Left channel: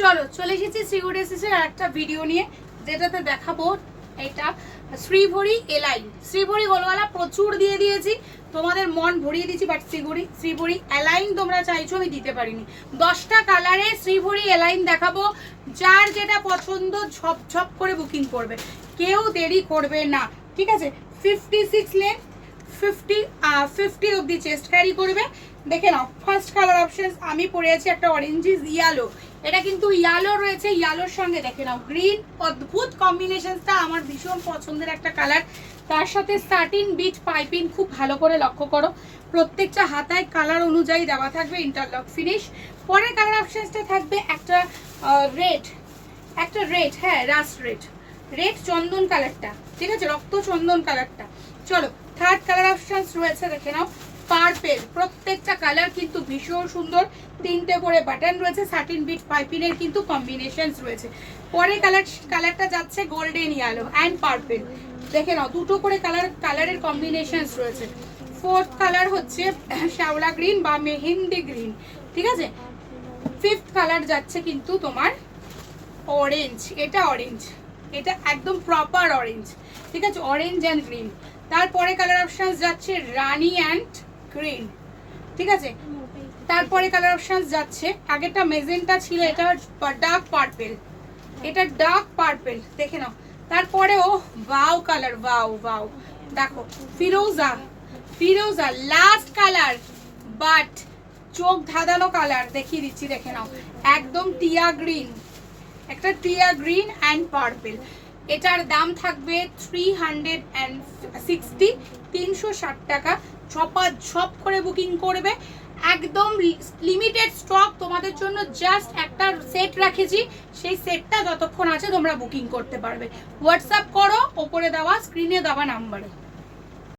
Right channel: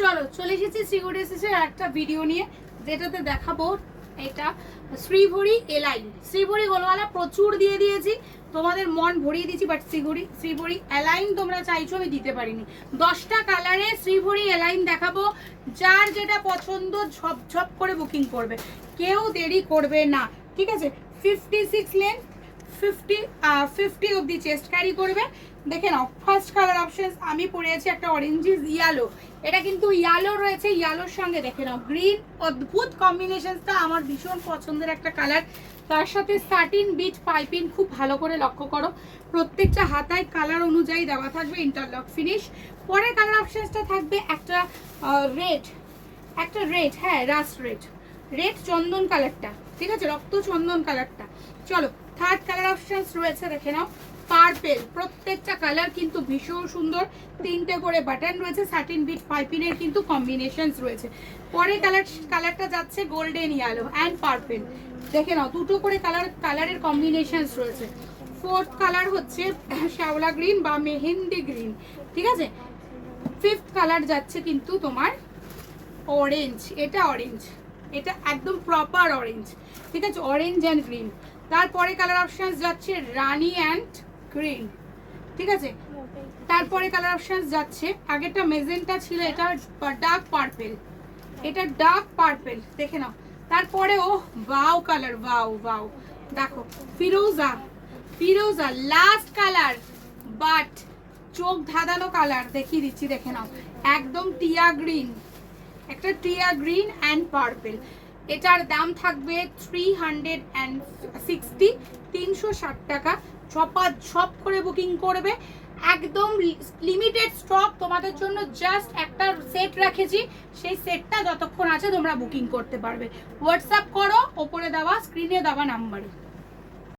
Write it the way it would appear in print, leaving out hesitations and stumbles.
চলো চলে এসেছি শ্রীগুড়ি এসেছে একটা ভিডিও নিয়ে, যেটাতে দেখাবো এটা শ্রীভরি এলাইন। শ্রীভরি গোলওয়ালা প্রচুর দিয়ে দিয়েছি, তোমাদের মন ভরিয়ে দিয়েছি, বাট শ্রীভরি এলাইন তোমরা চাইছো, আমি দিতে পারিনি। 10টা কালারে শ্রীভরি এলাইন দেখাবো, যার যেটা পছন্দ ঝপঝপ করে বুকিং করবে, কেউ দেরি করবে না, ঠিক আছে। 56 লেন্থ, 50 অব্দি চেস্ট ক্যারি করবে। দেখে নাও, ফার্স্ট কালার অপশন আমি পরে আছি একটা অরেঞ্জিস ইয়ালো, এটা কিন্তু ইয়ালো রয়েছে, ইয়ালোর সঙ্গে দেখে নাও গ্রিন, অদ্ভুত কম্বিনেশনটা, আমার ভীষণ পছন্দের একটা কালার। তার সাথে সাটিন বিট পাইপিং, খুব ভালো করে লক্ষ্য করো, প্রত্যেকটা হাতায় কালার অনুযায়ী দেওয়া থাকবে, ইন্টারলক ফিনিশ। পরে কালার অপশনসটা থাকবে একটা রেড, হ্যাঁ রাস্ট রেড চন্দন কালারটা, ঠিক আছে, রক্ত চন্দন কালারটা। চলো থার্ড কালার অপশন রয়েছে, দেখে নাও পার্পেল, প্রত্যেকটা কালার কিন্তু ভীষণ সুন্দর, 3টে করে বাটন রয়েছে, সাটিন বিট পাইপিনের কিন্তু কম্বিনেশনস রয়েছে। পরে কালারটা যাচ্ছে গোল্ডেন ইয়েলো অ্যান্ড পার্পেল, দেখে নাও 2টো করে কালারের কম্বিনেশনস রয়েছে। ফোর্থ কালার হচ্ছে শ্যাওলা গ্রিন বা মেহেন্দি গ্রিন, ঠিক আছে। ফিফথ কালার যাচ্ছে কিন্তু তোমার অরেঞ্জ, এটা একদম প্রপার অরেঞ্জ, ঠিক আছে, অরেঞ্জ অ্যান্ড গ্রিন। তারপরে কালার অপশন যাচ্ছে রানি অ্যান্ড গ্রিন, ঠিক আছে। তারপরে কালার অপশন যাচ্ছে, আগেটা মেজেন্টা ছিল, এটা ডার্ক পার্পেল, এটা ডার্ক পার্পেল, দেখে নাও। তারপরে ও ওয়াও কালার, ওয়াও দেখো ফিরোজা লাস্ট কালার, বাট চোখ ধাঁধানো কালার, দেখিয়ে দিচ্ছি, দেখে নাও একদম টিয়া গ্রিন, একটা টিয়া গ্রিন অ্যান্ড পার্পেল। এটার দাম থাকবে 360 টাকা। ঝপ করে বুকিং করবে, একদম লিমিটেড স্টক তোমাদের জন্য, জাস্ট একটা সেট রাখেছি, সেই সেটটা যতক্ষণ আছে তোমরা বুকিং করতে পারবে। হোয়াটসঅ্যাপ করো ওপরে দেওয়া স্ক্রিনে দেওয়া নাম্বারে।